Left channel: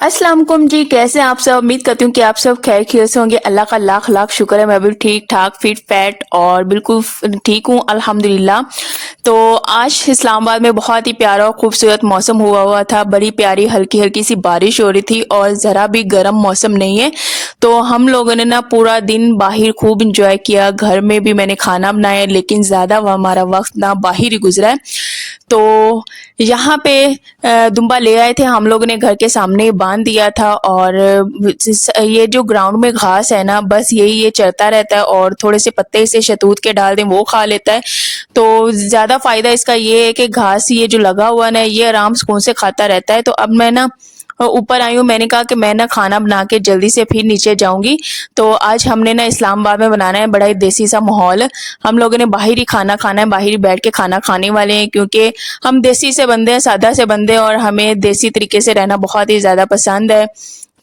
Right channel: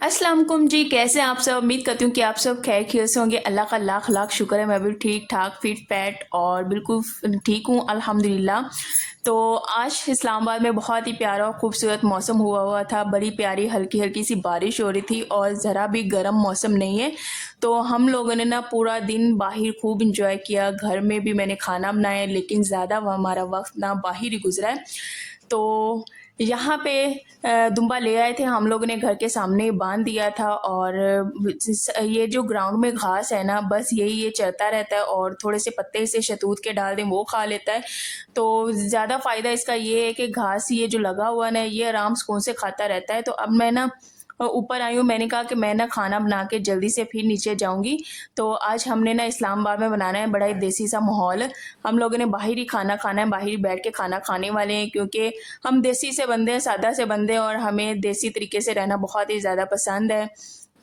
अस्सलाम वालेकुम जी। कैसे हैं आप सब? उम्मीद करती हूँ कि आप सब खैर खैरियत से होंगे। अल्लाह का लाख लाख शुक्र है, मैं भी ठीक ठाक फिट फैट और बिल्कुल ठीक हूँ अल्हम्दुलिल्लाह। तो आज इस्लामाबाद में बहुत ही प्यारा और खूबसूरत मौसम हुआ था। बड़ी प्यारी हल्की हल्की सी बारिश हो रही थी और ज़रा भी गर्म मौसम नहीं है। तो हम लोगों ने ना पूरा दिन बाहर खूब इंजॉय किया। घर में भी मैंने खाना बनाया, लेकिन ज़्यादा हमारा वक्त ना बाहर ही गुजरा है। तो यहाँ पे दुम्बा ले आए थे हम लोगों ने, घर के सामने बांध दिया था। और ये जो ग्राउंड में घास है ना, बस यही ये चरता रहता है और थोड़े से पत्ते इसे शहतूत के डाल दें वो खा लेता है। तो ज़्यादा फ़ायदा इसका ये है कि घास ये जो लगा हुआ ना, ये आराम सुकून से खाता रहता है। तो अब मैं ना ऊपर आई हूँ, मैंने कहा कि मैं ना खाना बना के जल्दी से फिर नीचे जाऊंगी। तो आज हमने ना इस्लामाबाद में बनाना है बड़ा ही देसी सा माहौल। हम लोगों ने बाहर ही खाना खाना है, बाहर ही बैठ के खाना खाने वाले हैं, क्योंकि हम देसी से बंदे हैं, सादा से बंदे हैं और हमें देसी तरीके से रहना बहुत ही ज़्यादा पसंद है।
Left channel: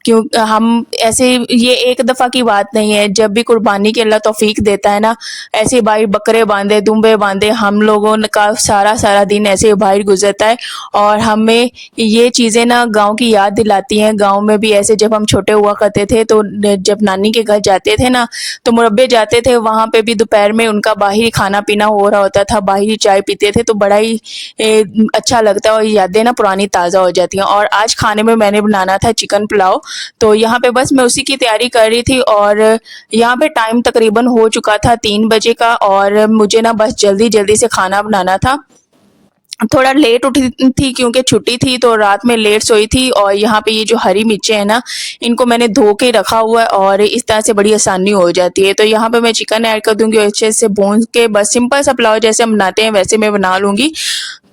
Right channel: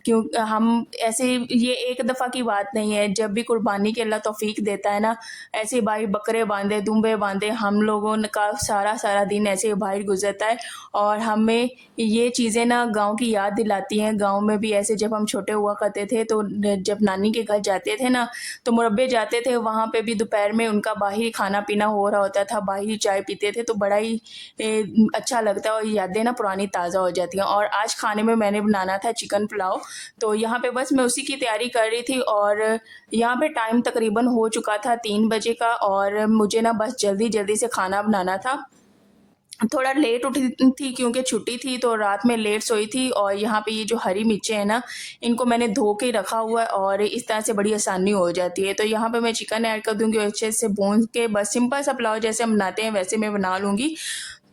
क्यों हम ऐसे, ये एक दफ़ा की बात नहीं है, जब भी कुर्बानी की अल्लाह तौफीक देता है ना, ऐसे भाई बकरे बांधे दुम्बे बांधे, हम लोगों का सारा सारा दिन ऐसे बाहर गुजरता है। और हमें ये चीज़ें ना गांव की याद दिलाती हैं। गांव में भी ऐसे जब हम छोटे हुआ करते थे, तो जब नानी के घर जाते थे ना, तो मुरब्बे जाते थे, वहाँ पे भी दोपहर में उनका बाहर ही खाना पीना हो रहा होता था, बाहर ही चाय पीते थे। तो बड़ा ही अच्छा लगता है और यादें ना पुरानी ताज़ा हो जाती हैं। और आज खाने में मैंने बनाना था चिकन पुलाव। तो यहाँ पे बस मैं उसी की तैयारी कर रही थी और यहाँ पे टाइम तकरीबन हो चुका था 3 बजे का, और मुझे ना बस जल्दी जल्दी से खाना बनाना था। थोड़ा लेट उठी थी क्योंकि छुट्टी थी, तो रात में लेट सोई थी। और यहाँ पे ये जो हरी मिर्चें हैं ना, इनको मैंने धो के रखा हुआ है और इस तरह से बड़ी आसानी हो जाती है। तो यहाँ पे मैं चिकन ऐड कर दूंगी और अच्छे से भून के बस सिंपल सा पुलाव जैसे हम बनाते हैं वैसे मैं बना लूँगी।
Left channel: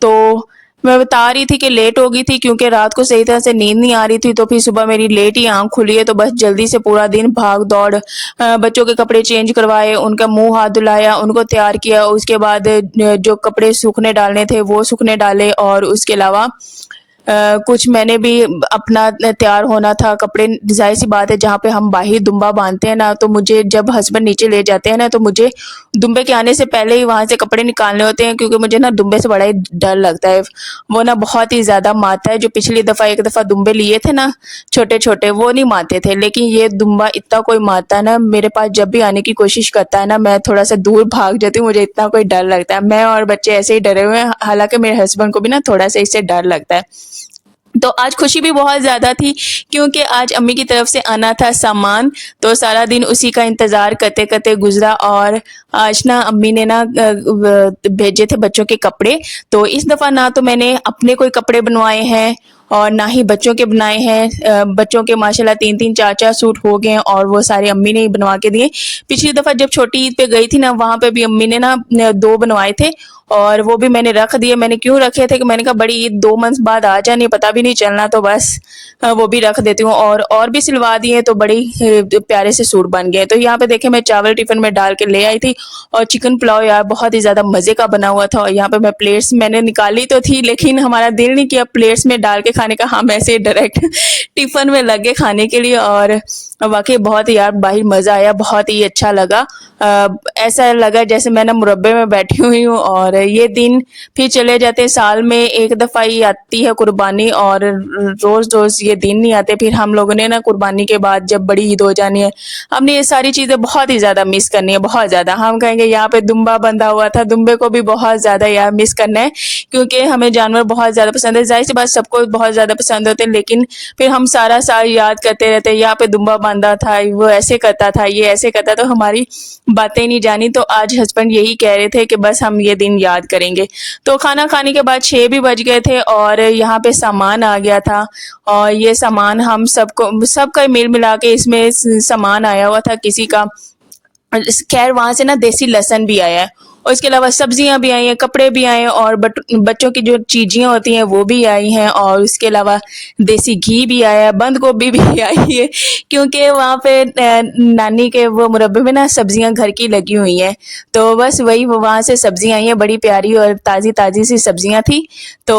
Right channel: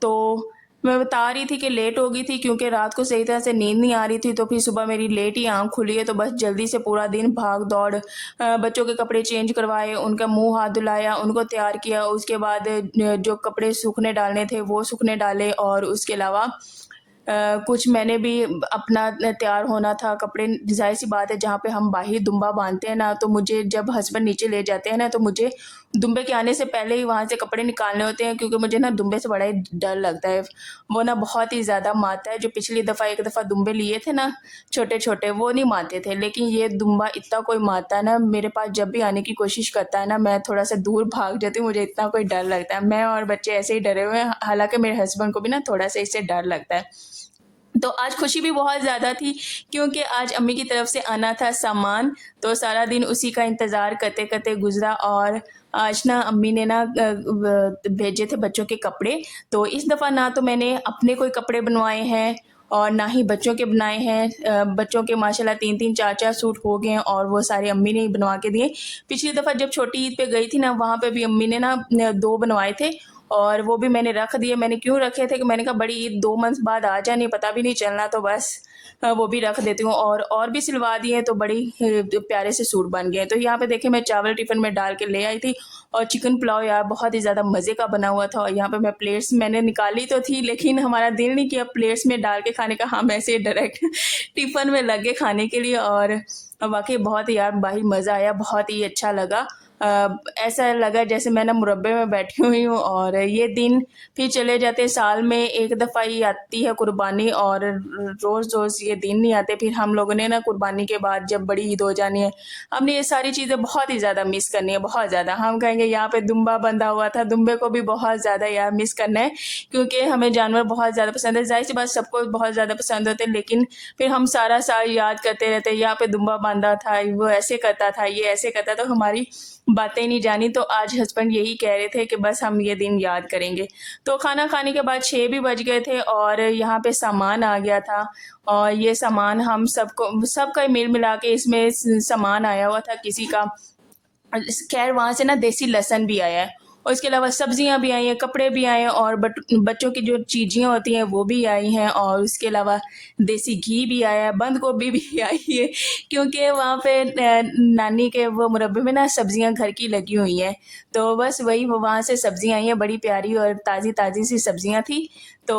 तो मैं बता रही थी कि लेट हो गई थी क्योंकि रात को सही तरह से नींद नहीं आ रही थी, तो फिर सुबह मेरी लेट ही आँख खुली है। तो बस जल्दी से पूरा दिन भाग दौड़, बच्चों के कपड़े चेंज करवाए, उनका मुंह हाथ धुलाया, उनको तैयार किया। उसके बाद जो कपड़े सूखने डालने थे वो सूखने डाले, और उसके अलावा कुछ मैंने भी अपना तैयार होना था। कपड़े ज़ाहिर सी बात है, जहाँ पे हम बाहर दुम्बा बांधते हैं ना, तो मुझे जब हस्बैंड नीचे ले जाते हैं ना, तो मुझे दुम्बे के आने से पहले ही वहाँ से कपड़े निकालने होते हैं, क्योंकि मुझे ना दुम्बे से बड़ा ही डर लगता है। वो ना बहुत ही ज़्यादा मारता है। जो पिछली दफ़ा एक दफ़ा दुम्बे लिए थे ना छोटे छोटे, वो नहीं मारते थे, लेकिन ये दुम्बा इतना कोई मारता है ना, मेरे पास जब भी आने की कोशिश करता है ना, मैं थोड़ा सा दूर भाग जाती हूँ, मुझे इतना कोई डर लगता है। मैं और बच्चे ऐसे ही डरे हुए हैं, हालांकि मेरे हस्बैंड को भी ना थोड़ा सा इससे डर लगता है। तो आज खुशी भी बहुत ज़्यादा थी क्योंकि आज अम्मी की तरफ से आना था सामान। तो सारा दिन उसी का इंतज़ार करते करते गुजरा। और आज ना अम्मी ने ना भेजे थे बच्चों के कपड़े। तो इस दफ़ा ना तो मैंने अपने कोई कपड़े बनवाए हैं और ना ही बच्चों के बनाए हैं। बच्चों के माशाल्लाह 3-3 4-4 सूट हो गए हैं और वो सारे अम्मी ने ही बनवा के दिए। पिछली दफ़ा जब छोटी ईद पे गई थी ना, वहाँ पे भी अम्मी ने ना 2 बनवाए थे और वो भी मैंने रख दिए। मैंने क्यों रखे थे कि मैंने कहा बड़ी ईद 2 मंथ बाद आ जानी, पता भी नहीं चलना, तो बस वो भी रख देती हूँ। और भी सिलवा दिए, तो बड़ी प्यारे से सूट बन गए। तो यहाँ पे देखे मैं चावल टिफिन में डाल के ले आई थी और चिकन पुलाव यार बहुत ही ज़्यादा मज़े का बना हुआ था। और यहाँ पे मैं प्लेट्स मैंने निकाली तो थी, लेकिन हमारा दिल नहीं किया प्लेट्स में डाल के खाने का, हम ऐसे डायरेक्ट टिफिन में लगे खाने के लिए। और वाकई बहुत ही यार बाहर मज़ा आया, बहुत ही अच्छा लगा। ऐसा लगा जैसे मैं ना मुरब्बे में बैठी हुई हूँ। और ये दिन फिर चले जाते, साल में एक दफ़ा ही आती है कुर्बानी, और रोज़ रोज़ ये दिन नहीं आते। फिर हम लोगों ने ना कुर्बानी के बाद जब बड़ी ईद हो जानी है, हमने ये सारी चीज़ें बहुत ही ज़्यादा मिस करनी है, बहुत ज़्यादा। हम कहेंगे यहाँ पे दुम्बा बंधा हुआ था, दुम्बे को भी बहुत ज़्यादा यार मिस करना है, क्योंकि हमें जानवर बहुत ज़्यादा पसंद है। जाहिर सी बात सबको बहुत ज़्यादा पसंद होते हैं, लेकिन फिर हम सारा साल याद करते रहते हैं, यहाँ पे दुम्बा बांधा था, वो ऐसे करता था, ये ऐसे करता, तो हमारी बातें नहीं जानी। तो आज हस्बैंड यही कह रहे थे कि बस हम ये दिन याद करेंगे। तो खाना खाने के बाद 6 भी बज गए थे और यहाँ पे सामान आ गया था। और ये सामान हम सबको सबका मिल मिला के इसमें सामान आया हुआ था। किसी का खैर वहाँ से ना देसी लहसुन भी आया है, और इसके अलावा सब्जियां भी आई हैं, कपड़े भी आए हैं, और बच्चों की जो चीज़ें होती हैं वो भी आई हैं। और उसके अलावा देसी घी भी आया है, बंद गोभी भी आई है, क्योंकि वहाँ पे नानी के वो मुरब्बे में ना सब्जियां घर की लगी हुई हैं। तो बस वही वहाँ से सब्जियां आई हैं, बड़ी प्यारी और ताज़ी ताज़ी सी सब्जियां थी। तो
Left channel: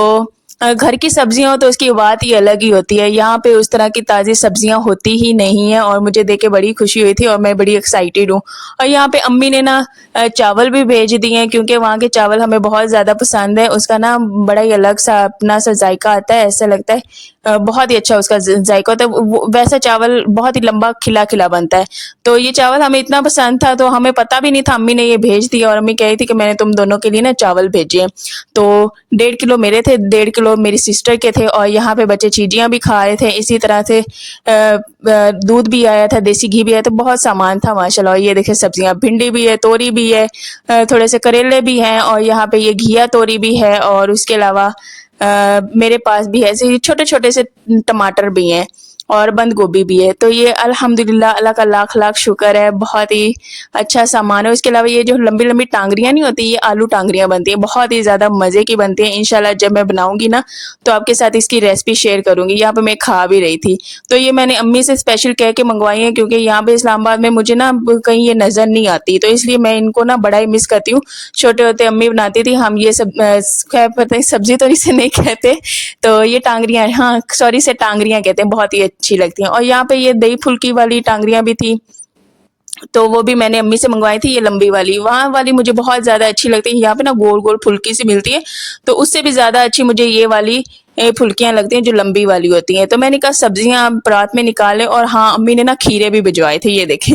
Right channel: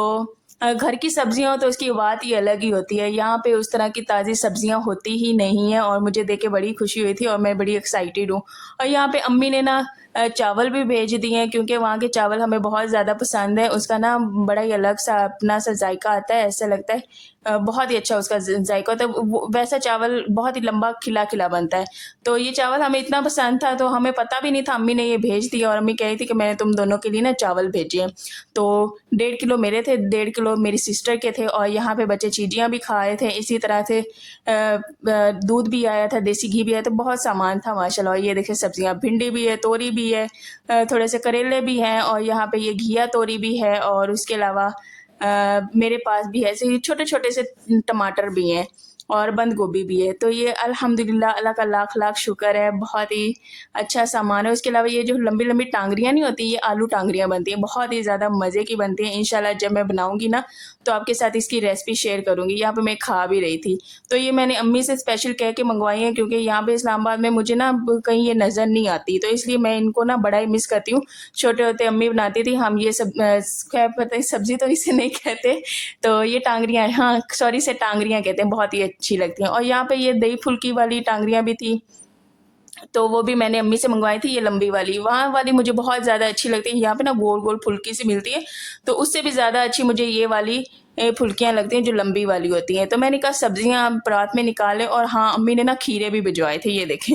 घर की सब्जियाँ हो तो उसकी बात ही अलग ही होती है। यहाँ पे उस तरह की ताज़ी सब्जियाँ होती ही नहीं हैं और मुझे देख के बड़ी खुशी हुई थी और मैं बड़ी एक्साइटेड हूँ। और यहाँ पे अम्मी ने ना चावल भी भेज दिए हैं क्योंकि वहाँ के चावल हमें बहुत ज़्यादा पसंद है। उसका ना बड़ा ही अलग-सा अपना-सा ज़ायका आता है, ऐसा लगता है बहुत ही अच्छा उसका ज़ायका होता है। वो वैसा चावल बहुत ही लंबा खिला-खिला बनता है। तो ये चावल हमें इतना पसंद था तो हमें पता भी नहीं था, अम्मी ने ये भेज दिया और अम्मी कह रही थी कि मैंने तुम दोनों के लिए ना चावल भेजे हैं। तो 1.5 किलो मेरे थे, 1.5 किलो मेरी सिस्टर के थे और यहाँ पे बच्चे चीज़ियाँ भी खा रहे थे। इसी तरह से दूध भी आया था, देसी घी भी आया था, बहुत सामान था माशाल्लाह। और ये देखिए सब्जियाँ, भिंडी भी है, तोरी भी है, थोड़े से करेले भी हैं और यहाँ पे ये घिया तोरी भी है और उसके अलावा मेरे पास भी ऐसे ही छोटे-छोटे से टमाटर भी हैं और बंद गोभी भी है। तो ये अल्हम्दुलिल्लाह अल्लाह का लाख-लाख शुक्र है, बहुत ही अच्छा सामान है। उसके अलावा ये जो लंबी-लंबी टांगरियाँ नहीं होती, ये आलू टांगरियाँ बनती हैं, बहुत ही ज़्यादा मज़े की बनती हैं। इंशाल्लाह जब मैं बनाऊँगी ना, तो आपके साथ इसकी रेसिपी शेयर करूँगी। यहाँ पे मैं खा भी रही थी। तो ये मैंने अम्मी से स्पेशल कह के मँगवाई हैं क्योंकि यहाँ पे इस्लामाबाद में मुझे ना ब कहीं ये नज़र नहीं आती, तो इसलिए मैं इनको ना बड़ा ही मिस करती हूँ। छोटे होते अम्मी बनाती थी, हम ये सब खैर पता नहीं सब्ज़ी तो इसे नहीं कहते, तो ये टांगरियाँ हाँ, सॉरी इसे टांगरियाँ कहते हैं, बहुत ही अच्छी लगती हैं। और यहाँ पे ये दही फुल्की वाली टांगरियाँ भी थी, तो वो भी मैंने अम्मी से मंगवाई थी, ये लंबी वाली। वहाँ वाली मुझे बहुत ज़्यादा अच्छी लगती है। यहाँ पे ना गोल-गोल फुल्की सी मिलती है, तो उससे भी ज़्यादा अच्छी मुझे ये वाली फुल्कियाँ लगती हैं जो लंबी वाली होती हैं। तो मैंने कहा सब्जियाँ आप परात में निकालें और हाँ, अम्मी ने ना खीरे भी भिजवाए थे, ये देखें।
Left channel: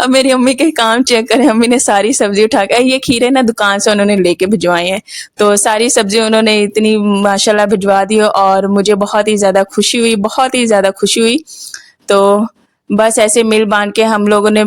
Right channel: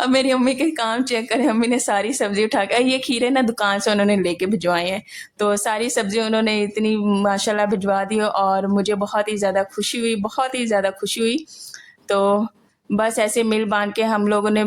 अब मेरी अम्मी के काम चेक करें, अम्मी ने सारी सब्ज़ी उठा के ये खीरे ना दुकान से उन्होंने लेके भिजवाए हैं। तो सारी सब्ज़ी उन्होंने इतनी माशाल्लाह भिजवा दी और मुझे बहुत ही ज़्यादा खुशी हुई, बहुत ही ज़्यादा खुशी हुई। तो बस ऐसे मिल बाँट के हम लोगों ने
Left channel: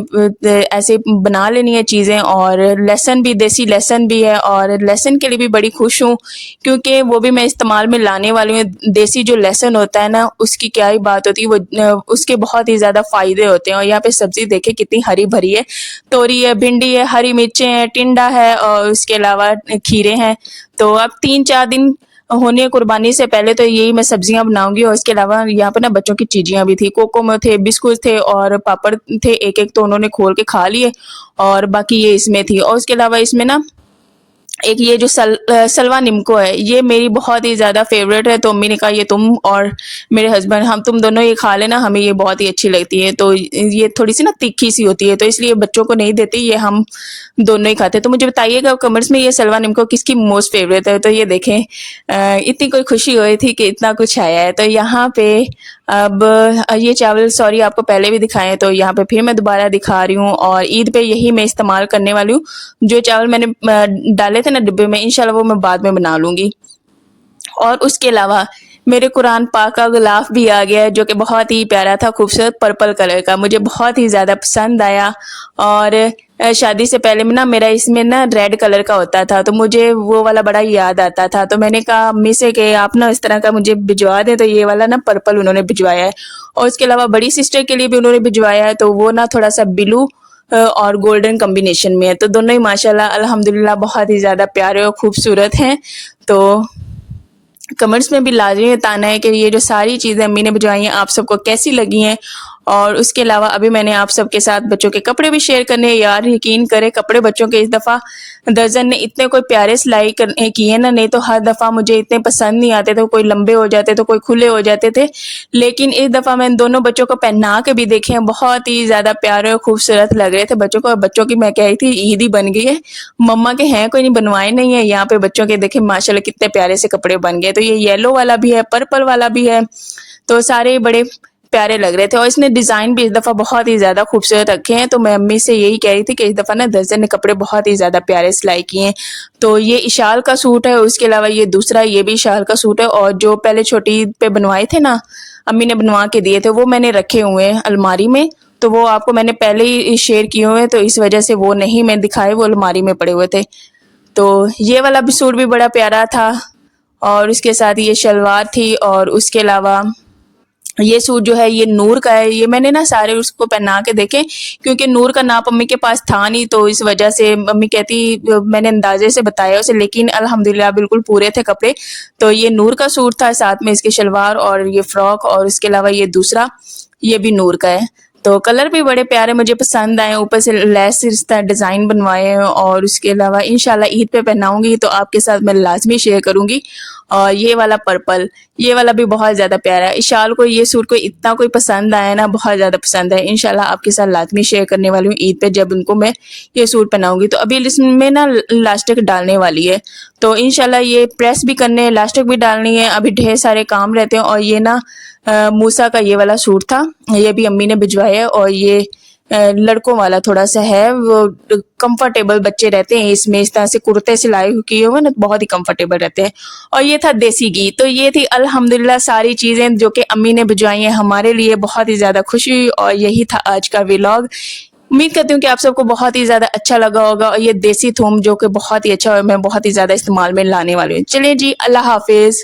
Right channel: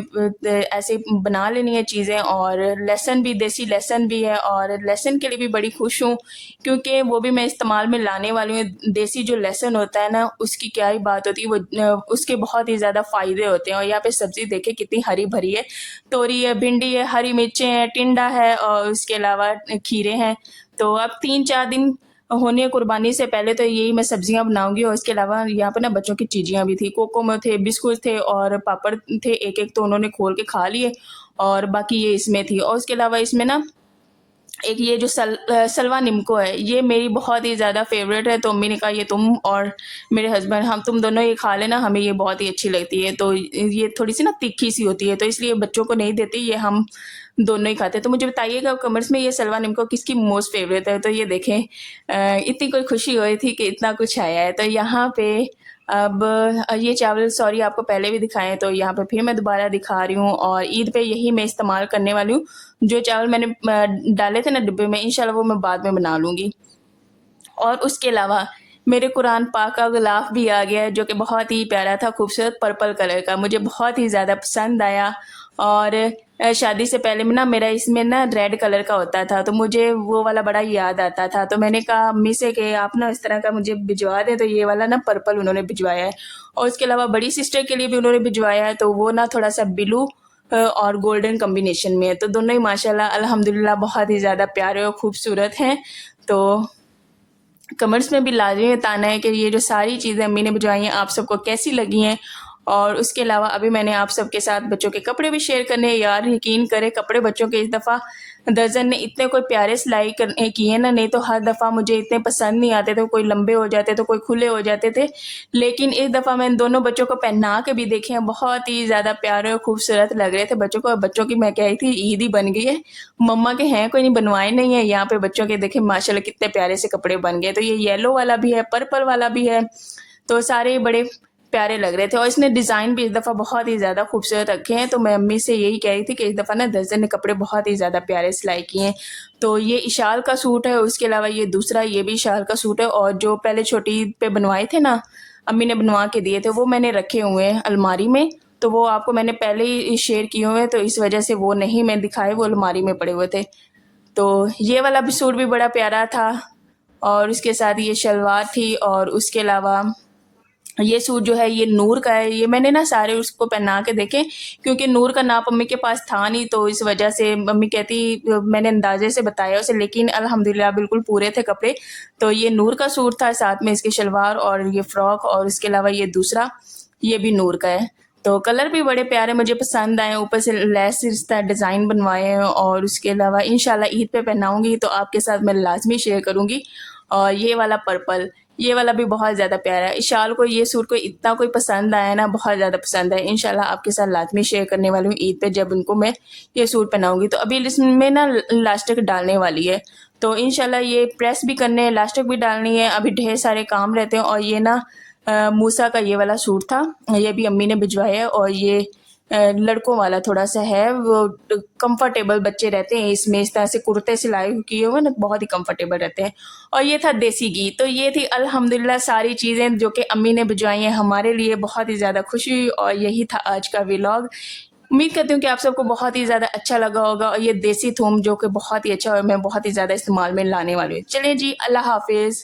ऐसे बना लेनी है चीज़ें और लहसुन भी देसी लहसुन भी है और लहसुन के लिए भी बड़ी खुश हूँ क्योंकि वो भी मैं इस्तेमाल में लाने वाली हूँ। देसी जो लहसुन होता है ना, उसकी क्या ही बात होती है, वो उसके बहुत ही ज़्यादा फ़ायदे होते हैं और यहाँ पे सब्ज़ी देखिए कितनी हरी-भरी है। तोरी है, भिंडी है, हरी मिर्चें हैं, टिंडा है और उसके अलावा खीरे हैं। तो अब 3-4 दिन होने कुर्बानी से पहले तो यही मैं सब्जियाँ बनाऊँगी और इसके अलावा यहाँ पे ना बच्चों की चीज़ियाँ भी थी, कोको थे, बिस्कुट थे और पापड़ थे, एक-एक तो उन्होंने खोल के खा लिए और बाकी ये इसमें थी। और उसके अलावा इसमें ना एक ये जो सलवा निम्को है, ये मेरी बहुत ही ज़्यादा फ़ेवरेट है, तो अम्मी ने कहा ये तुम और मेरे हस्बैंड हम तुम दोनों ये खा लेना, हमें ये बहुत ही अच्छी लगती है। तो ये थोड़ी-सी ना तीखी-सी होती है, तो इसलिए बच्चों को नहीं देती, ये हम दोनों ही खाते हैं। तो मुझे बताइएगा कमेंट्स में ये सलवा निम्को किसकी मोस्ट फ़ेवरेट है? तो ये देखें इतनी कोई खुशी हो रही थी कि इतना कुछ आया है। तो यहाँ पे अब ये चावल सॉरी आपको पहले भी दिखाए हैं, तो यहाँ पे फिर मैं दोबारा दिखा रही हूँ और ईद पे यही मैं इस्तेमाल करने वाली हूँ। जो चावल मैंने डाले थे ना डिब्बे में, इंशाल्लाह वो मैं बाद में बना लूँगी। और उसके अलावा मेरे कुरान पाक का गिलाफ भी आ गया है जो कि बहुत ही प्यारा था, खूबसूरत पर्पल कलर का, मुझे बहुत ही ज़्यादा पसंद आया। और शादी से पहले में ना मेरा इसमें ना रेड कलर का होता था, तो मुझे वो वाला बड़ा याद आता था। तो मैंने कहा अम्मी से कि आप ना इस तरह का मुझे भिजवा दें, तो ये वाला ना पर्पल उन्होंने भिजवाया है। और उसके अलावा बड़ी सिस्टर के लिए भी उन्होंने भिजवाया है, तो वो ना थोड़ा-सा ब्लू और गोल्डन कॉम्बिनेशन में है। तो दोनों ही माशाल्लाह अल्हम्दुलिल्लाह बहुत ही ज़्यादा प्यारे और खूबसूरत हैं। तो कमेंट्स में भी लाज़मी बताना है कि ये जो सारी चीज़ें अम्मी ने भिजवाई हैं, आप सबको कैसी लगी हैं। और उसके अलावा अभी मैंने आप सबके साथ बच्चों के कपड़े भी शेयर करने हैं। यार यकीन करें, कपड़े बच्चों के इस दफ़ा दर्जन ने इतने कोई प्यारे सिलाई किए ना, नहीं तो हर दफ़ा मुझे इतने पसंद नहीं आते थे, कोई लंबे हो जाते तो कोई खुले हो जाते थे। लेकिन इस दफ़ा मैंने दोनों बच्चों को पहना के भी देखे हैं, बहुत ही ज़्यादा प्यारे और खूबसूरत लग रहे थे बच्चों को। बच्चों की मैं कह रही थी ईद ही बन गई है, मम्मा के हैं कोई नहीं, बनवाए नहीं है। यहाँ पे बच्चों के देखे माशाल्लाह कितने प्यारे से कपड़े बन गए। तो ये येलो वाला भी है, पर्पल वाला भी है, तो सारे बड़े प्यारे लग रहे थे और इसने डिज़ाइन भी इस दफ़ा बहुत ही ज़्यादा खूबसूरत रखे हैं। तो मैं अम्मी से यही कह रही थी कि इस दफ़ा ना दर्जन ने कपड़े बहुत ही ज़्यादा प्यारे सिलाई किए हैं। तो ये इशाल का सूट है, उसके अलावा ये दूसरा ये भी इशाल का सूट है और जो पहले छोटी ईद पे बनवाए थे ना, अम्मी ने बनवा के दिए थे, वो मैंने रखे हुए हैं अलमारी में। तो वो आपको मैंने पहले ही शेयर किए हुए हैं, तो इस वजह से वो नहीं मैं दिखाए, वो अलमारी में पड़े हुए थे। तो ये वाला भी सूट भी बड़ा प्यारा था और उसके साथ ये शलवार थी और उसके अलावा ये सूट जो है ये नूर का है। ये मैंने ना सारे उसको पहना के देखे क्योंकि नूर का नाप अम्मी के पास था नहीं, तो इस वजह से मम्मी कहती मैंने अंदाजे से बताया उसे, लेकिन अल्हम्दुलिल्लाह बिल्कुल पूरे थे कपड़े। तो ये नूर का सूट था, साथ में इसकी शलवार और ये फ्रॉक और उसके अलावा ये दूसरा ये भी नूर का है। तो कलर भी बड़े प्यारे मुझे पसंद आए, ऊपर से लेस रिश्ता डिज़ाइन बनवाए हैं और उसके अलावा इंशाल्लाह ईद पे पहनाऊंगी तो आपके साथ मैं लाजमी शेयर करूंगी। और ये वाला पर्पल, ये वाला भी बहुत ज़्यादा प्यारा है। इशाल को ये सूट को इतना कोई पसंद आया ना, बहुत ज़्यादा पसंद है। इंशाल्लाह आपके साथ लाज़मी शेयर करने वाली हूँ ईद पे, जब उनको मैं ये सूट पहनाऊँगी। तो अभी इसमें ना इलास्टिक डालने वाली है, तो इंशाल्लाह ये प्रेस भी करने है, इलास्टिक भी डालनी है। अभी ढेर सारे काम रहते हैं। और ये ना मूसा का ये वाला सूट था, ये भी अम्मी ने भिजवाया है। और ये लड़कों वाला थोड़ा सा है, वो कंफर्टेबल बच्चे रहते हैं इसमें, इस तरह से कुर्ते सिलाई किए हुए ना, बहुत ही कंफर्टेबल रहते हैं। और ये था देसी घी। तो ये थी अल्हम्दुलिल्लाह सारी चीज़ें जो कि अम्मी ने भिजवाई हैं हमारे लिए, बहुत ही ज़्यादा खुशी हुई। और यही था आज का व्लॉग। उम्मीद करती हूँ कि आप सबको बहुत ही ज़्यादा अच्छा लगा होगा। और ये देसी थूम जो कि बहुत ही अच्छा, और मैं बहुत ही ज़्यादा इस्तेमाल में लाने वाली हूँ। चलिए जी, अल्लाह हाफिज़।